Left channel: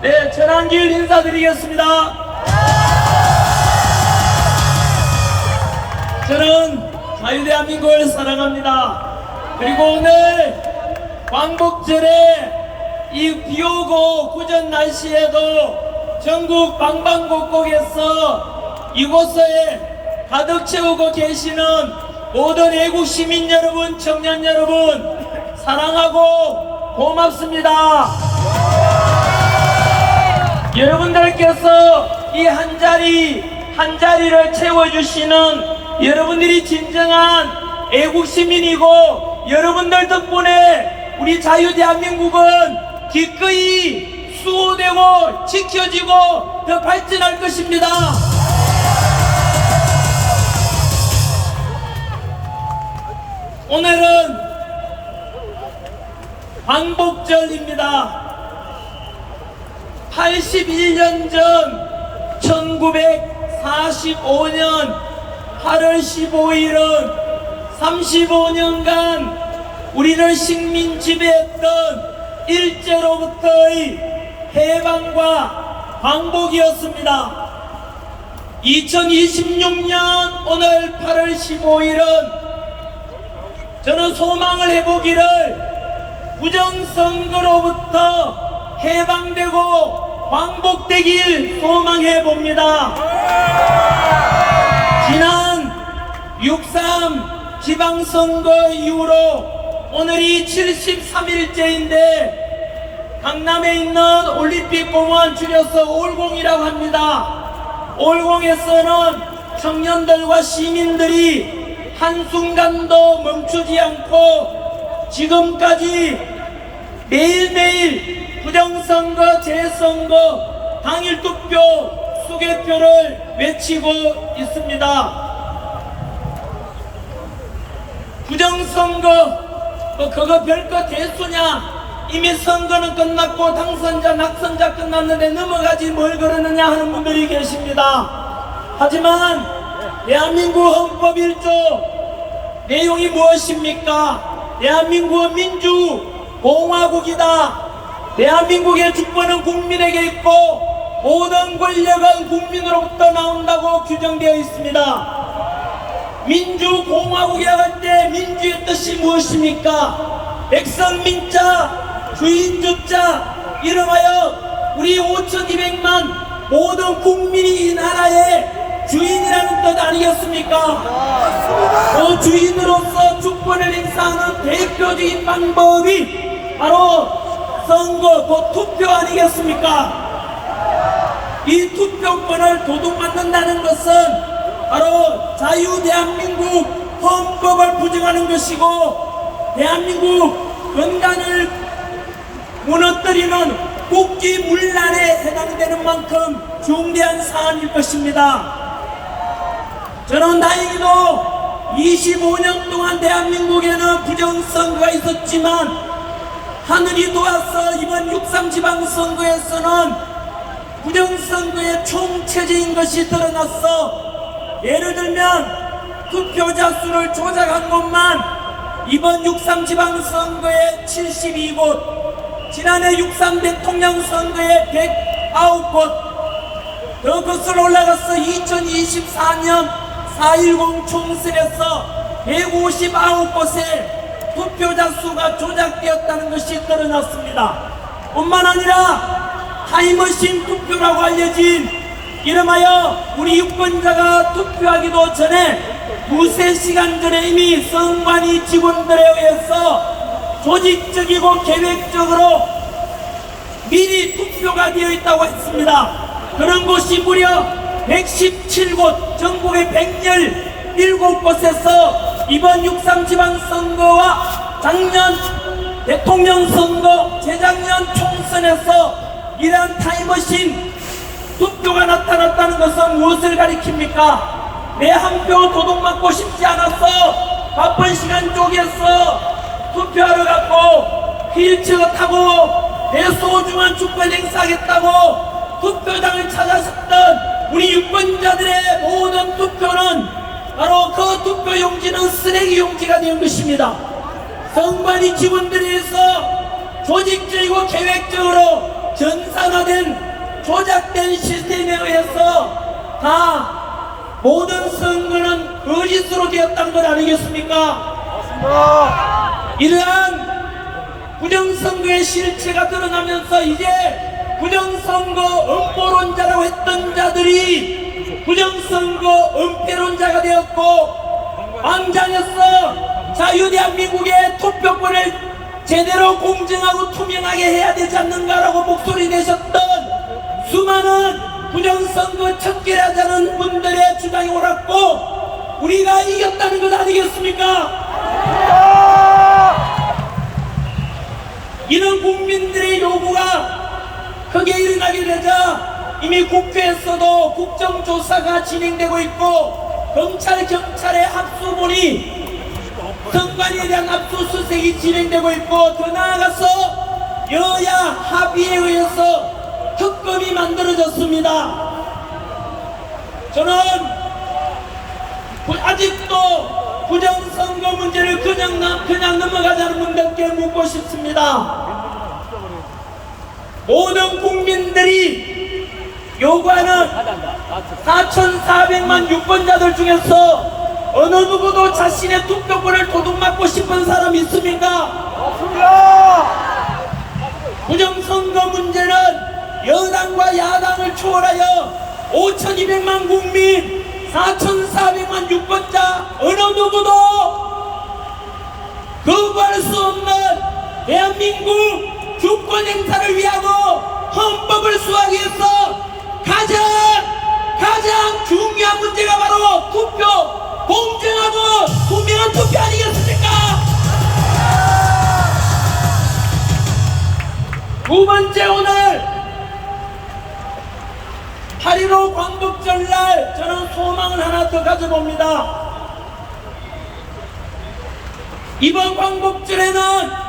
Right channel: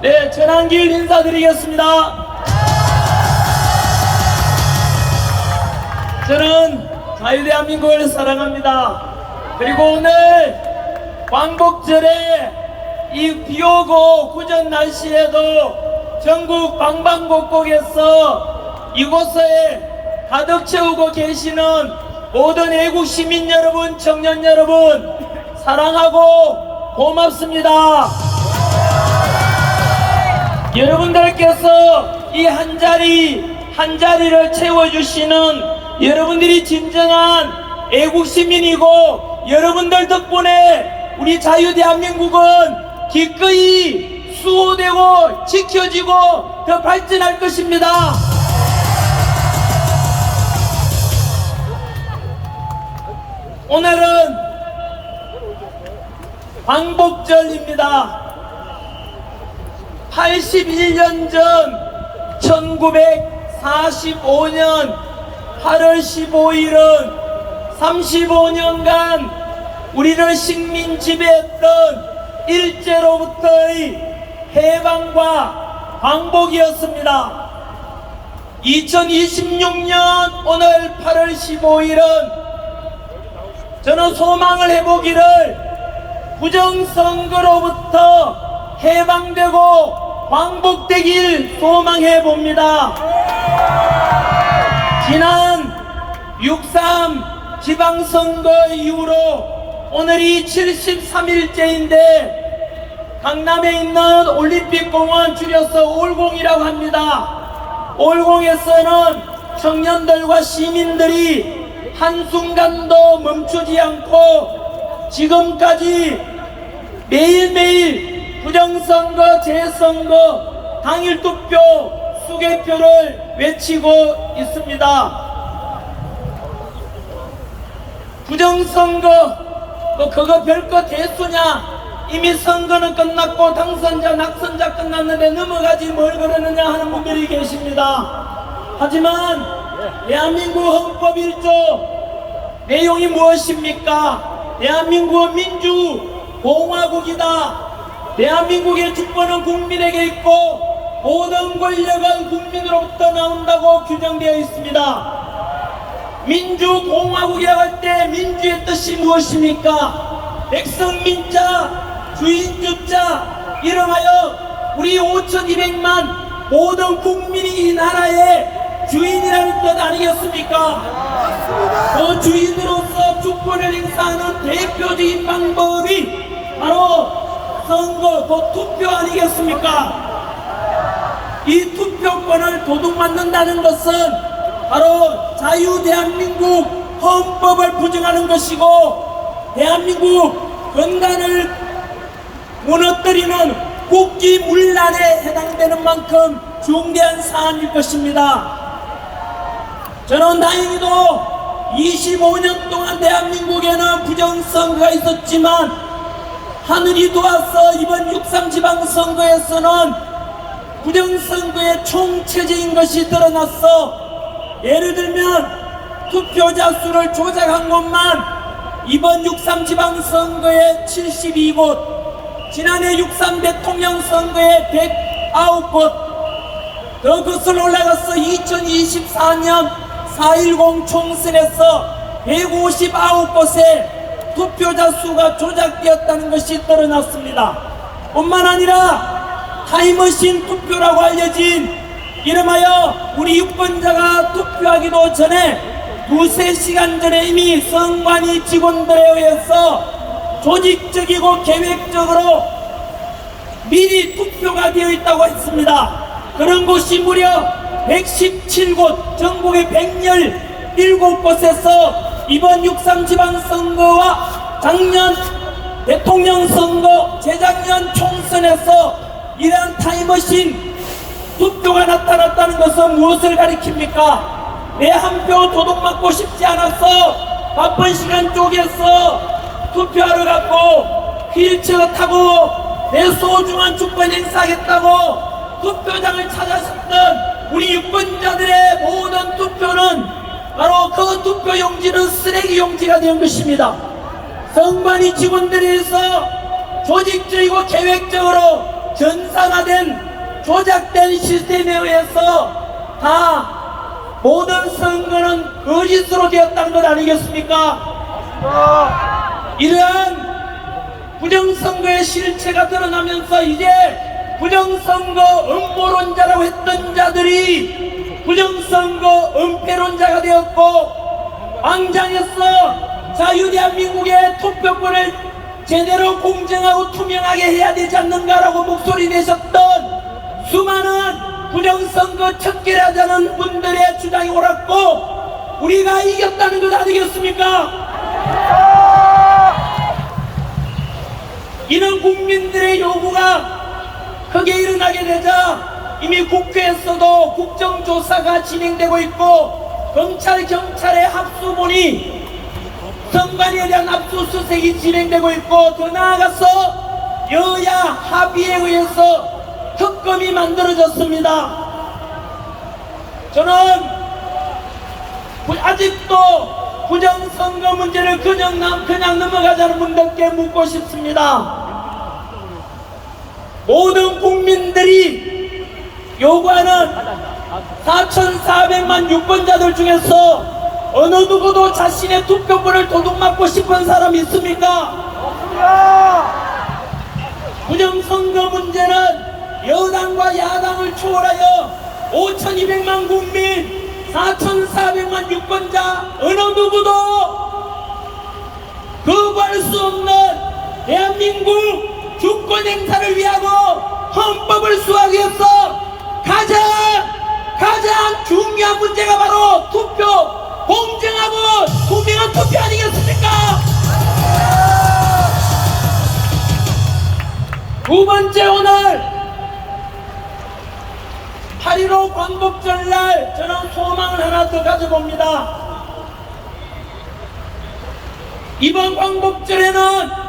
네, 전한길 인사드리겠습니다. 저는 자유대한민국을 사랑합니다. 그리고 오늘 광복절에 이 비오고 구전 날씨에도 전국 방방곡곡에서 이곳에 가득 채우고 계시는 모든 애국 시민 여러분, 청년 여러분, 사랑하고 고맙습니다. 여러분들께서 이 한 자리를 채워주시는 여러분들이 진정한 애국 시민이고, 여러분들 덕분에 우리 자유대한민국은 기꺼이 수호되고 지켜지고 더 발전할 것입니다. 오늘은 광복절입니다. 81년 전 1945년 8월 15일은 35년간 우리를 식민 지배했던 일제로부터의 해방과 광복이었습니다. 2026년 오늘 8월 15일은 저는 소망을 해보기를 부정선거로부터 해방되고 광복되길 소망해봅니다. 지난 6.3 지방선거 이후로 오늘이 73일째인데 강남에 있는 올림픽공원, 줄여서 올공이라고 합니다. 올공에서는 청년들과 시민들이 한순간도 멈추지 않고 지금까지 매일매일 부정선거, 재선거, 당일투표, 수개표를 외치고 있습니다. 부정선거, 그거 별거 대수냐? 이미 선거는 끝났고 당선자, 낙선자 끝났는데 넘어가지 뭘 그러느냐 하는 분들이 계십니다. 하지만 대한민국 헌법 1조 내용이 무엇입니까? 대한민국은 민주공화국이다. 대한민국의 주권은 국민에게 있고 모든 권력은 국민으로부터 나온다고 규정되어 있습니다. 민주공화국이라고 할 때 민주의 뜻이 무엇입니까? 백성민자, 주인주자, 이름하여 우리 5,200만 모든 국민이 이 나라의 주인이라는 뜻 아니겠습니까? 맞습니다. 그 주인으로서 주권을 행사하는 대표적인 방법이 바로 선거, 그 투표 아니겠습니까? 이 투표권을 도둑맞는다는 것은 바로 자유대한민국 헌법을 부정하는 것이고, 대한민국 근간을 무너뜨리는 국기문란에 해당되는 만큼 중대한 사안일 것입니다. 저는 다행히도 25년 동안 대한민국에는 부정선거가 있었지만 하늘이 도와서 이번 6.3 지방선거에서는 부정선거의 총체적인 것이 드러났어. 예를 들면 투표자 수를 조작한 것만 이번 6.3 지방선거에 72곳, 지난해 6.3 대통령 선거에 109곳, 더 거슬러 올라가서 2024년 4.10 총선에서 159곳에 투표자 수가 조작되었다는 것이 드러났습니다. 뿐만 아니라 타임머신 투표라고 알려진 이름하여 우리 유권자가 투표하기도 전에 두세 시간 전에 이미 선관위 직원들에 의해서 조직적이고 계획적으로 미리 투표가 되어 있다고 했습니다. 그런 곳이 무려 117곳, 전국의 117곳에서 이번 6.3 지방선거와 작년 대통령 선거, 재작년 총선에서 이러한 타임머신 투표가 나타났다는 것은 무엇을 가리킵니까? 내 한 표 도둑맞고 싶지 않았어. 바쁜 시간 쪼개서 투표하러 갔고 휠체어 타고 내 소중한 주권 행사하겠다고 투표장을 찾아섰던 우리 유권자들의 모든 투표는 바로 그 투표 용지는 쓰레기 용지가 된 것입니다. 선관위 직원들에 의해서 조직적이고 계획적으로 전산화된 조작된 시스템에 의해서 다 모든 선거는 거짓으로 되었다는 것 아니겠습니까? 이러한 부정선거의 실체가 드러나면서 이제 부정선거 음모론자라고 했던 자들이 부정선거 은폐론자가 되었고, 광장에서 자유대한민국의 투표권을 제대로 공정하고 투명하게 해야 되지 않는가라고 목소리 내셨던 수많은 부정선거 척결하자는 분들의 주장이 옳았고, 우리가 이겼다는 것 아니겠습니까? 이런 국민들의 요구가 크게 일어나게 되자 이미 국회에서도 국정조사가 진행되고 있고, 검찰, 경찰의 합수본이 선관위에 대한 압수수색이 진행되고 있고, 더 나아가서 여야 합의에 의해서 특검이 만들어졌습니다. 저는 아직도 부정선거 문제를 그냥 넘어가자는 분들께 묻고 싶습니다. 모든 국민들이 요구하는 4,400만 유권자들 중에서 어느 누구도 자신의 투표권을 도둑맞고 싶은 사람이 있습니까? 부정선거 문제는 여당과 야당을 초월하여 5,200만 국민, 4,400만 유권자 어느 누구도 거부할 수 없는 대한민국 주권 행사를 위하고 헌법을 수호하기 위해서 가장 중요한 문제가 바로 투표, 공정하고 투명한 투표 아니겠습니까? 두 번째, 오늘 8.15 광복절날 저는 소망을 하나 더 가져봅니다. 이번 광복절에는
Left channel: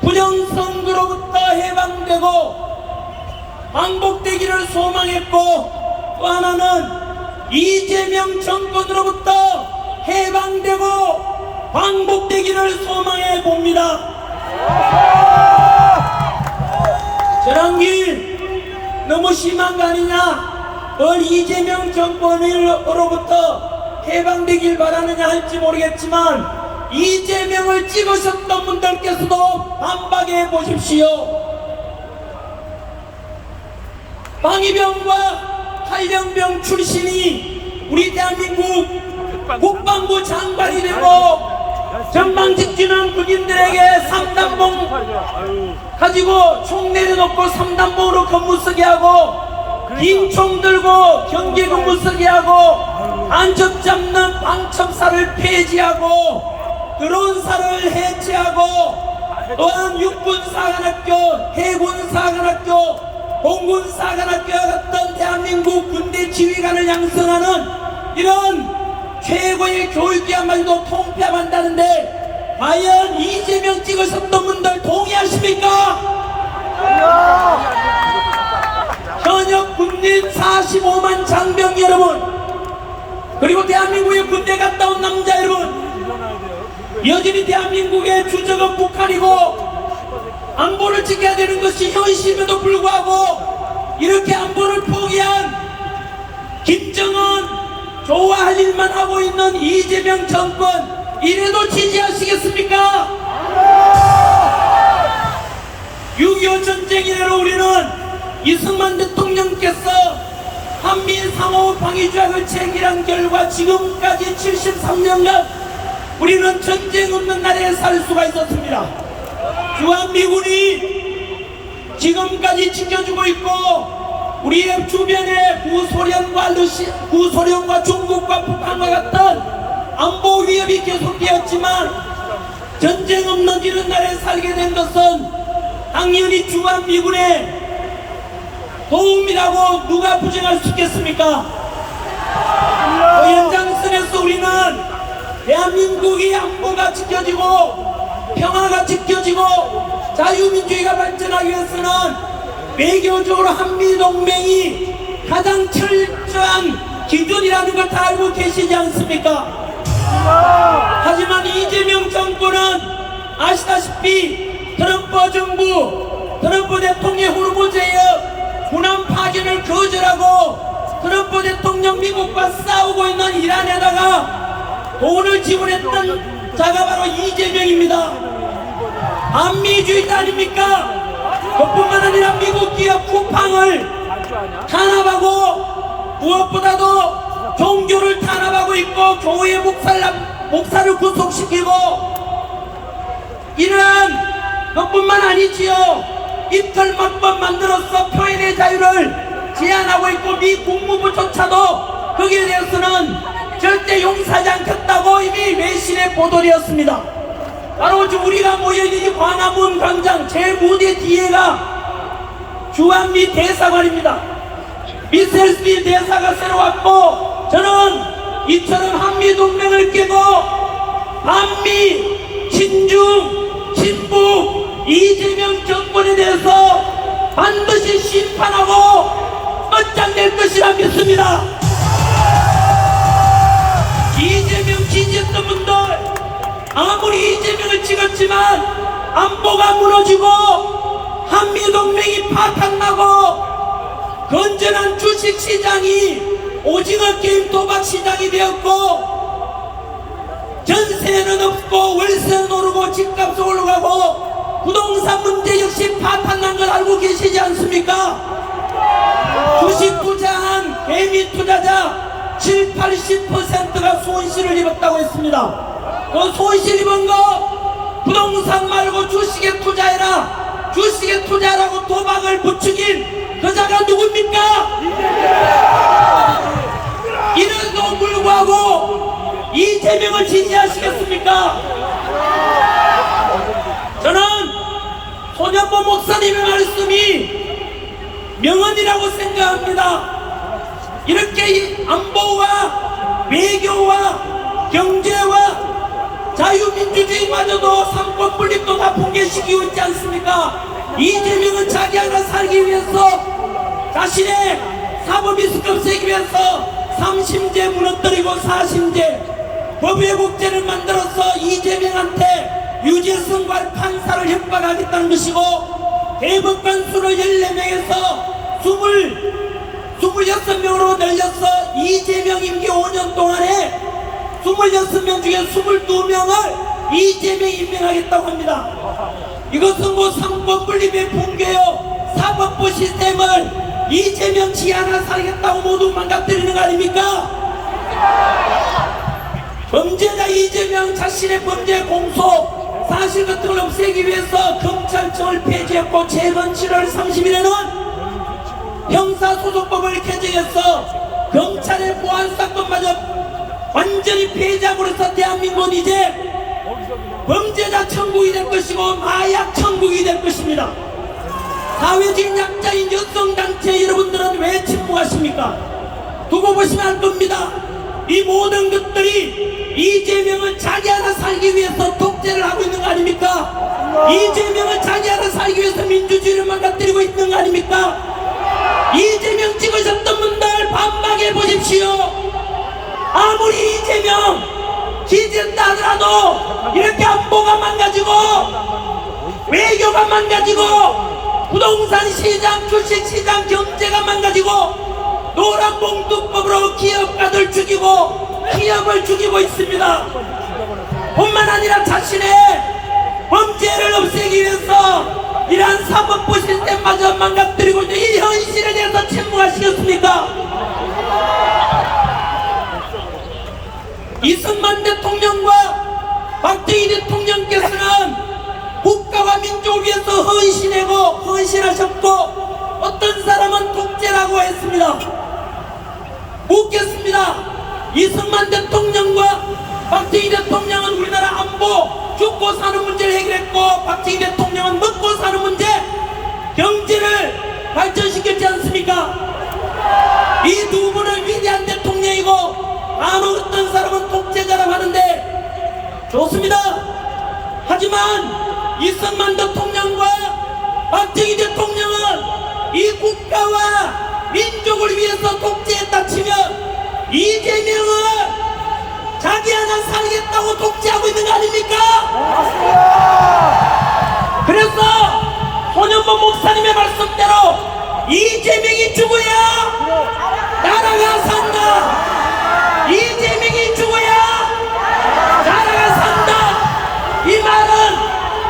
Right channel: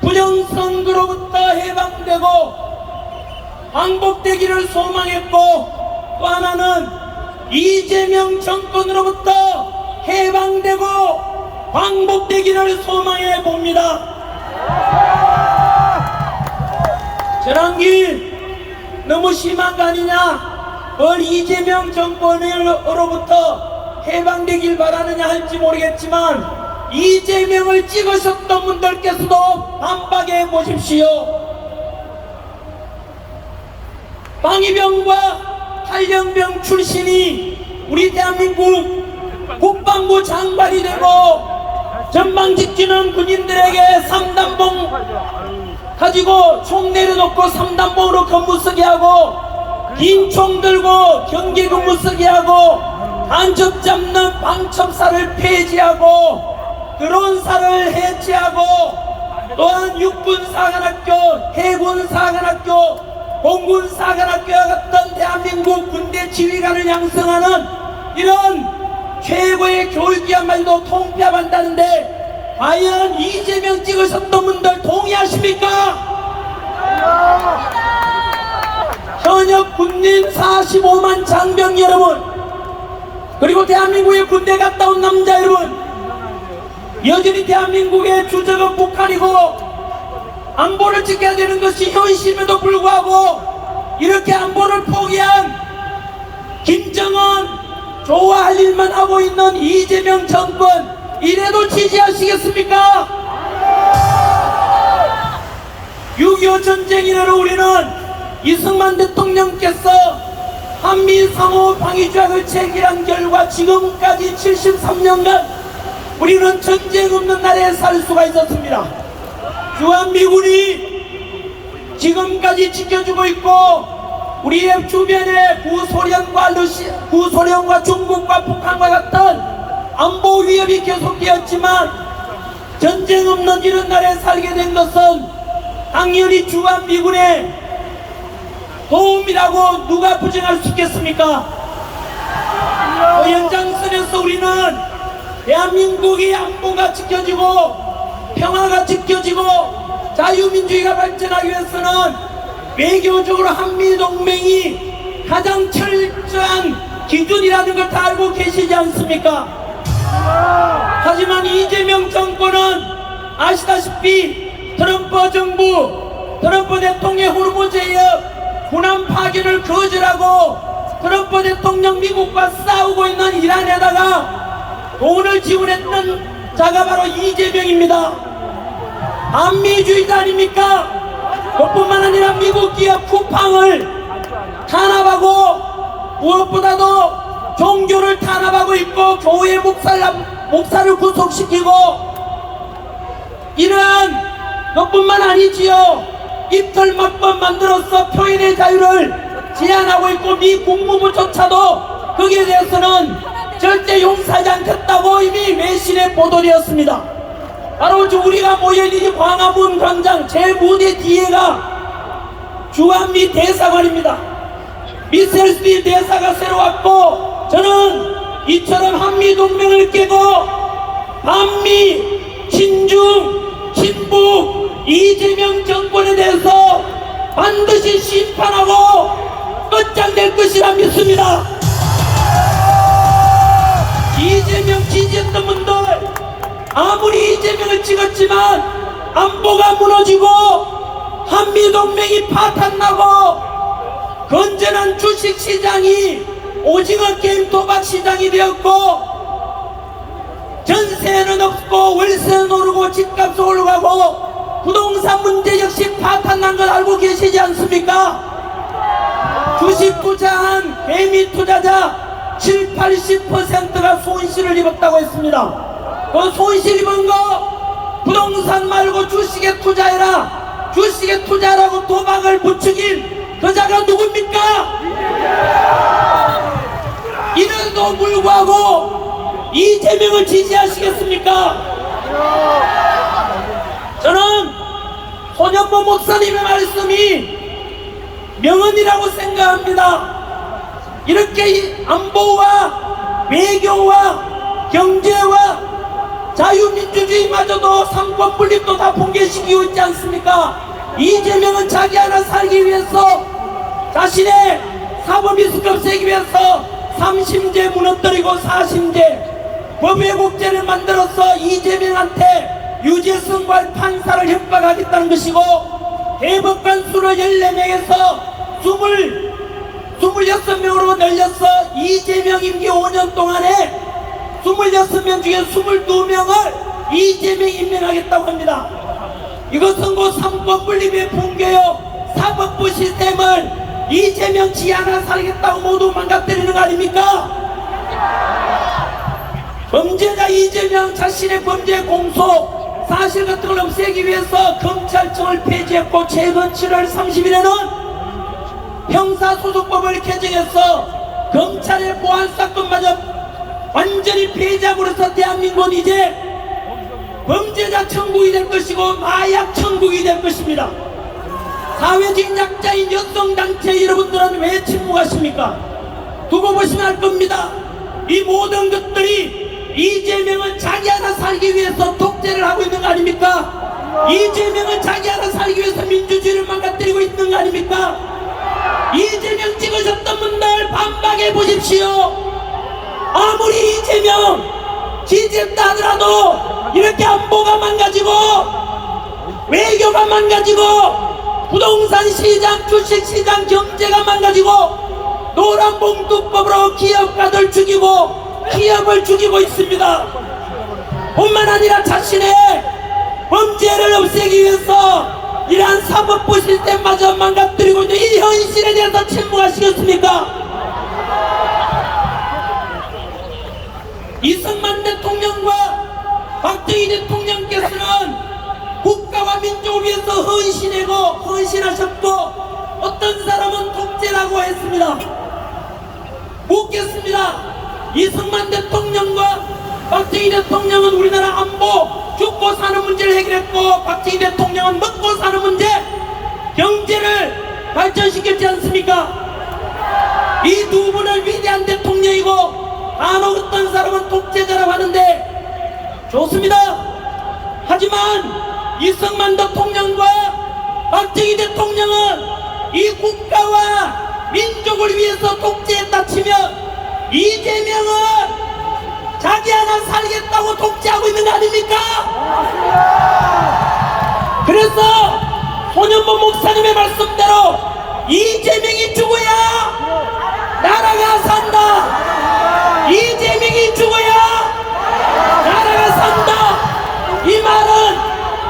부정선거로부터 해방되고 광복되기를 소망했고, 또 하나는 이재명 정권으로부터 해방되고 광복되기를 소망해 봅니다. 저랑길 너무 심한 거 아니냐? 뭘 이재명 정권으로부터 해방되길 바라느냐 할지 모르겠지만, 이재명을 찍으셨던 분들께서도 반박해 보십시오. 방위병과 탈영병 출신이 우리 대한민국 국방부 장관이 되고 전방 지키는 군인들에게 3단봉 가지고 총 내려놓고 3단봉으로 근무 쓰게 하고, 긴 총 들고 경계 근무 쓰게 하고, 간첩 잡는 방첩사를 폐지하고 드론사를 해체하고, 또한 육군사관학교, 해군사관학교, 공군사관학교와 같은 대한민국 군대 지휘관을 양성하는 이런 최고의 교육기관마저도 통폐합한다는데, 과연 이재명 찍으셨던 분들 동의하십니까? 현역 군인 45만 장병 여러분, 그리고 대한민국의 군대 갔다 온 남자 여러분, 여전히 대한민국의 주적은 북한이고 안보를 지켜야 되는 것이 현실임에도 불구하고 이렇게 안보를 포기한 김정은 좋아할 일만 하고 있는 이재명 정권, 이래도 지지하시겠습니까? 6.25 전쟁 이래로 우리는 이승만 대통령께서 한미 상호 방위조약을 체결한 결과 지금까지 73년간 우리는 전쟁 없는 나라에 살 수가 있었습니다. 주한미군이 지금까지 지켜주고 있고, 우리의 주변에 구소련과 중국과 북한과 같은 안보 위협이 계속되었지만, 전쟁 없는 이런 나라에 살게 된 것은 당연히 주한미군의 도움이라고 누가 부정할 수 있겠습니까? 그 연장선에서 우리는 대한민국이 안보가 지켜지고 평화가 지켜지고 자유민주주의가 발전하기 위해서는 외교적으로 한미동맹이 가장 철저한 기준이라는 걸 다 알고 계시지 않습니까? 하지만 이재명 정권은 아시다시피 트럼프 정부, 트럼프 대통령의 호르무즈에 합의를 거절하고 트럼프 대통령 미국과 싸우고 있는 이란에다가 돈을 지원했던 자가 바로 이재명입니다. 반미주의자 아닙니까? 그뿐만 아니라 미국 기업 쿠팡을 탄압하고 무엇보다도 종교를 탄압하고 있고 교회 목사를 구속시키고 이러한 것뿐만 아니지요. 이틀 몇 번 만들어서 표현의 자유를 제한하고 있고 미 국무부조차도 거기에 대해서는 절대 용서하지 않겠다고 이미 외신에 보도되었습니다. 바로 우리가 모여있는 광화문 광장 제 무대 뒤에가 주한미 대사관입니다. 미셀스빌 대사가 새로 왔고 저는 이처럼 한미동맹을 깨고 반미, 친중, 친북, 이재명 정권에 대해서 반드시 심판하고 끝장낼 것이라 믿습니다. 이재명 지지했던 분들 아무리 이재명을 찍었지만 안보가 무너지고 한미동맹이 파탄나고 건전한 주식시장이 오징어 게임 도박시장이 되었고 전세는 없고 월세는 오르고 집값은 올라가고 부동산 문제 역시 파탄난 걸 알고 계시지 않습니까? 주식 투자한 개미 투자자 70~80%가 손실을 입었다고 했습니다. 그 손실 입은 거 부동산 말고 주식에 투자해라, 주식에 투자라고 도박을 부추긴 그 자가 누굽니까? 이런도 불구하고 이재명을 지지하시겠습니까? 저는 손현보 목사님의 말씀이 명언이라고 생각합니다. 이렇게 안보와 외교와 경제와 자유민주주의마저도 삼권분립도 다 붕괴시키고 있지 않습니까? 이재명은 자기 하나 살기 위해서 자신의 사법이수급 세기 위해서 3심제 무너뜨리고 4심제 법외국제를 만들어서 이재명한테 유죄선고할 판사를 협박하겠다는 것이고 대법관 수를 14명에서 26명으로 늘려서 이재명 임기 5년 동안에 26명 중에 22명을 이재명 임명하겠다고 합니다. 이것은 곧 삼권분립의 붕괴요 사법부 시스템을 이재명 지 하나 살겠다고 모두 망가뜨리는 거 아닙니까? 범죄자 이재명 자신의 범죄 공소 사실 같은 걸 없애기 위해서 검찰청을 폐지했고 최근 7월 30일에는 형사소송법을 개정해서 검찰의 보안사건마저 완전히 폐지함으로써 대한민국은 이제 범죄자 천국이 될 것이고 마약 천국이 될 것입니다. 사회적인 약자인 여성단체 여러분들은 왜 침묵하십니까? 두고 보시면 알 겁니다. 이 모든 것들이 이재명은 자기 하나 살기 위해서 독재를 하고 있는 거 아닙니까? 이재명은 자기 하나 살기 위해서 민주주의를 망가뜨리고 있는 거 아닙니까? 이재명 찍으셨던 분들 반박해 보십시오. 아무리 이재명 지지했다 하더라도 이렇게 안보가 망가지고 외교가 망가지고 부동산 시장, 주식 시장 경제가 망가지고 노란봉투법으로 기업가들 죽이고 기업을 죽이고 있습니다. 뿐만 아니라 자신의 범죄를 없애기 위해서 이러한 사법부 시스템마저 망가뜨리고 있는 이 현실에 대해서 침묵하시겠습니까? 이승만 대통령과 박정희 대통령께서는 국가와 민족을 위해서 헌신하셨고 어떤 사람은 독재라고 했습니다. 묻겠습니다. 이승만 대통령과 박정희 대통령은 우리나라 안보 죽고 사는 문제를 해결했고 박정희 대통령은 먹고 사는 문제 경제를 발전시켰지 않습니까? 이 두 분은 위대한 대통령이고 아무 어떤 사람은 독재자라고 하는데 좋습니다. 하지만 이승만 대통령과 박정희 대통령은 이 국가와 민족을 위해서 독재했다 치면 이재명은 자기 하나 살겠다고 독재하고 있는 거 아닙니까? 그래서 손현보 목사님의 말씀대로 이재명이 죽어야 산다. 이재명이 죽어야 나라가 산다. 이 말은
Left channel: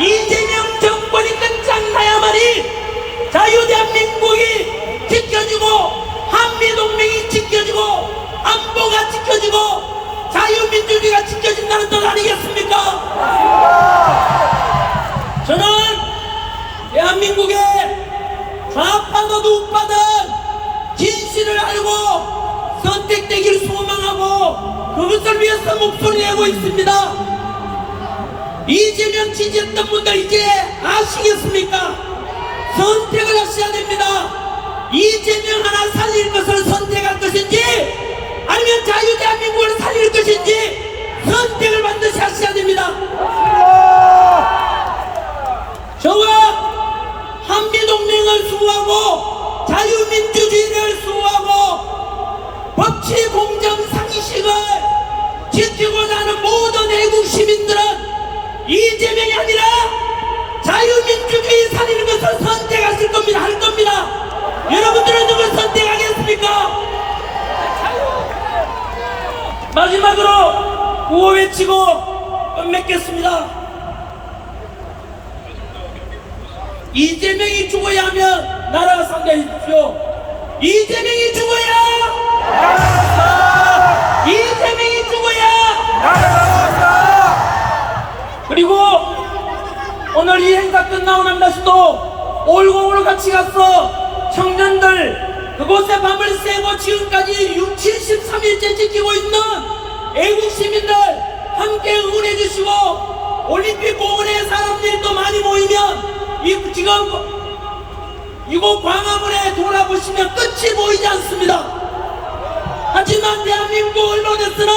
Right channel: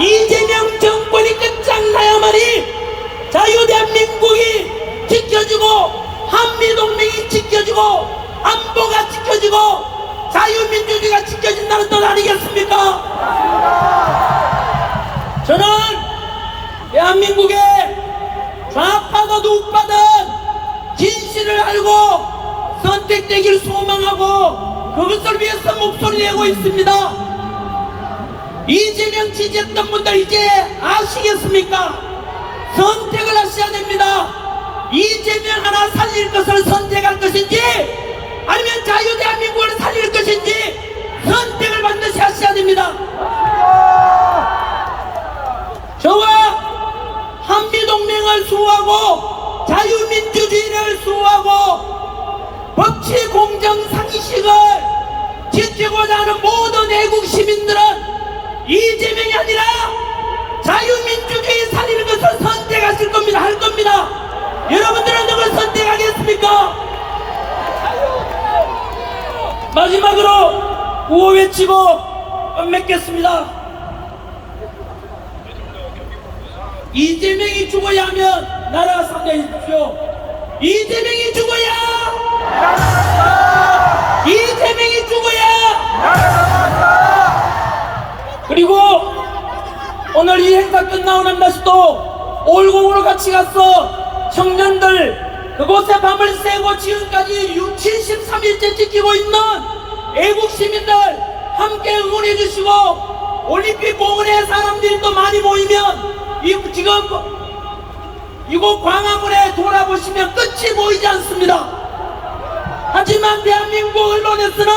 이재명 정권이 끝장나야만이 자유대한민국이 지켜지고 한미동맹이 지켜지고 안보가 지켜지고 자유민주주의가 지켜진다는 뜻 아니겠습니까? 저는 대한민국의 좌파든 우파든 진실을 알고 선택되길 소망하고 그것을 위해서 목소리 내고 있습니다. 이재명 지지했던 분들 이제 아시겠습니까? 선택을 하셔야 됩니다. 이재명 하나 살릴 것을 선택할 것인지 아니면 자유대한민국을 살릴 것인지 선택을 반드시 하셔야 됩니다. 저와 한미동맹을 수호하고 자유민주주의를 수호하고 법치공정 상식을 지키고자 하는 모든 애국 시민들은 이재명이 아니라 자유민주주의 살리는 것을 선택하실 겁니다. 할 겁니다. 여러분들은 누굴 선택하겠습니까? 마지막으로 구호 외치고 끝맺겠습니다. 이재명이 죽어야 하면 나라가 상대하십시오. 이재명이 죽어야! 이재명이 죽어야! 그리고 오늘 이 행사 끝나고 난 다시도 올공으로 같이 갔어. 청년들 그곳에 밤을 새고 지금까지 73일째 지키고 있는 애국 시민들 함께 응원해 주시고 올림픽 공원에 사람들이 또 많이 모이면 지금 이곳 광화문에 돌아보시면 끝이 보이지 않습니다. 하지만 대한민국 언론에서는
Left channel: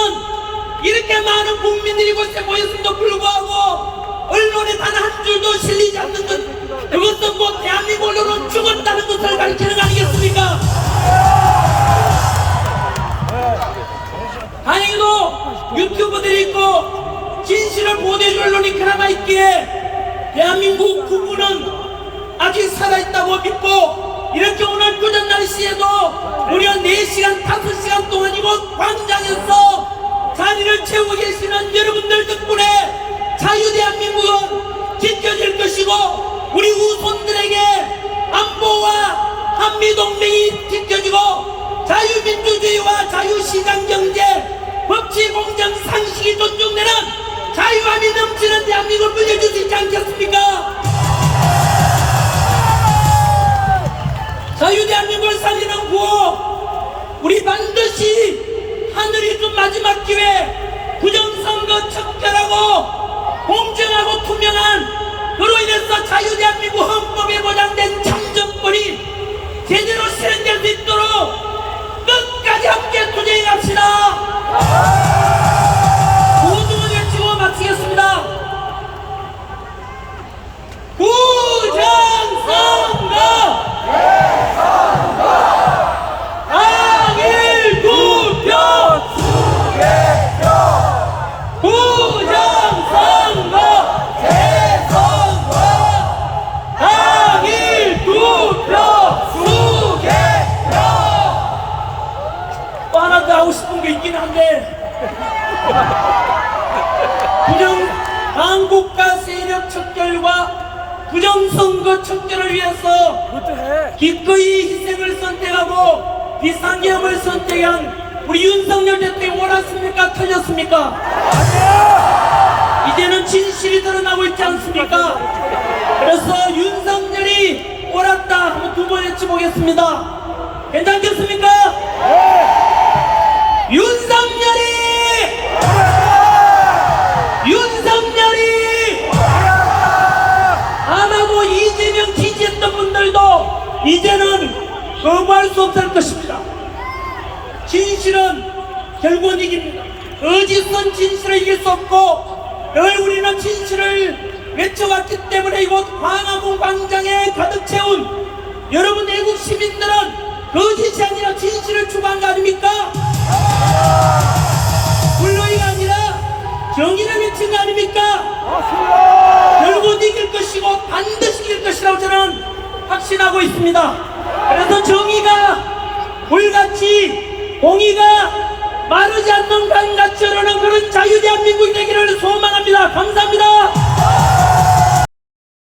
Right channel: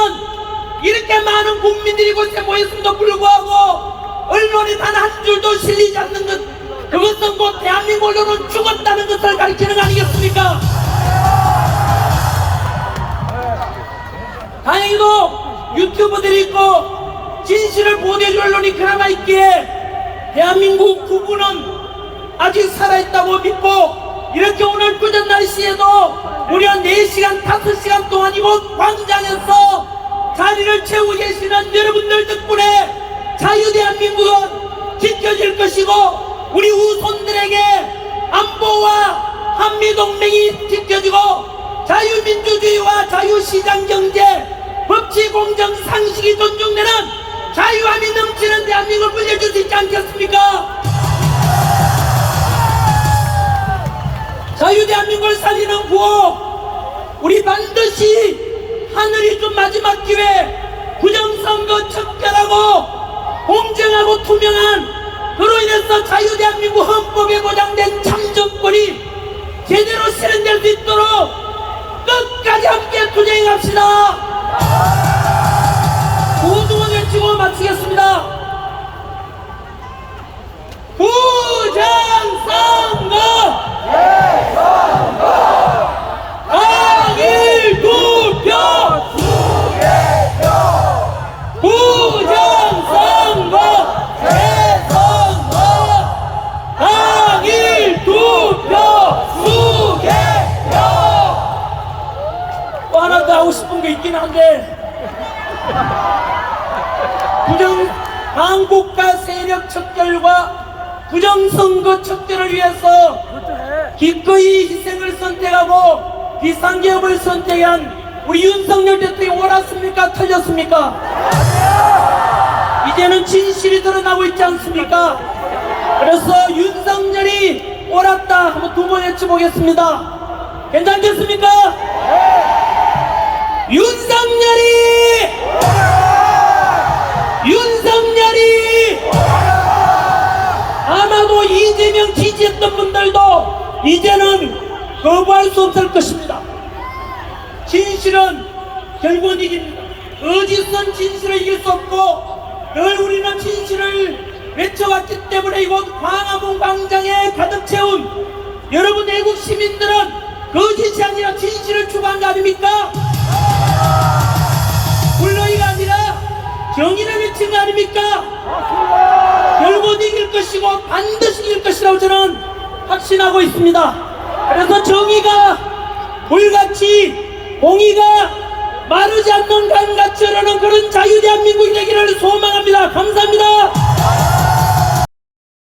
이렇게 많은 국민들이 이곳에 모였음에도 불구하고 언론에 단 한 줄도 실리지 않는 것, 그것은 뭐 대한민국 언론은 죽었다는 것을 가르치는 거 아니겠습니까? 다행히도 유튜브들이 있고 진실을 보도해줄 언론이 그나마 있기에 대한민국 구분은 아직 살아있다고 믿고 이렇게 오늘 그전 날씨에도 무려 4시간 5시간 동안 이곳 광장에서 자리를 채우고 계시는 여러분들 덕분에 자유대한민국은 지켜질 것이고 우리 후손들에게 안보와 한미동맹이 지켜지고 자유민주주의와 자유시장경제 법치공정 상식이 존중되는 자유함이 넘치는 대한민국을 물려줄 수 있지 않겠습니까? 자유대한민국을 살리는 구호 우리 반드시 하늘이 준 마지막 기회 부정선거 척결하고 공정하고 투명한 그로 인해서 자유대한민국 헌법에 보장된 참정권이 제대로 실현될 수 있도록 끝까지 함께 투쟁해 갑시다. 구호도 외치고 마치겠습니다. 부정선거 당일 투표 부정선거 재선거 당일 투표 수개표. 또 하나 더 하고 싶은 거 있긴 한데 한국가 세력 척결과 부정선거 척결을 위해서 기꺼이 희생을 선택하고 비상계엄을 선택한 우리 윤석열 대통령이 옳았습니까? 틀렸습니까? 이제는 진실이 드러나고 있지 않습니까? 그래서 윤석열이 옳았다 한번 두 번 외쳐보겠습니다. 괜찮겠습니까? 윤석열이 아마도 이재명 지지했던 분들도 이제는 거부할 수 없을 것입니다. 진실은 결국은 이깁니다. 거짓은 진실을 이길 수 없고 늘 우리는 진실을 외쳐왔기 때문에 이곳 광화문 광장에 가득 채운 여러분 애국 시민들은 거짓이 아니라 진실을 추구한 거 아닙니까? 불러이가 아니라 정의를 외친 거 아닙니까? 결국 이길 것이고 반드시 이길 것이라고 저는 확신하고 있습니다. 그래서 정의가 불같이 공의가 마르지 않는 강같이 흐르는 그런 자유 대한민국이 되기를 소망합니다. 감사합니다.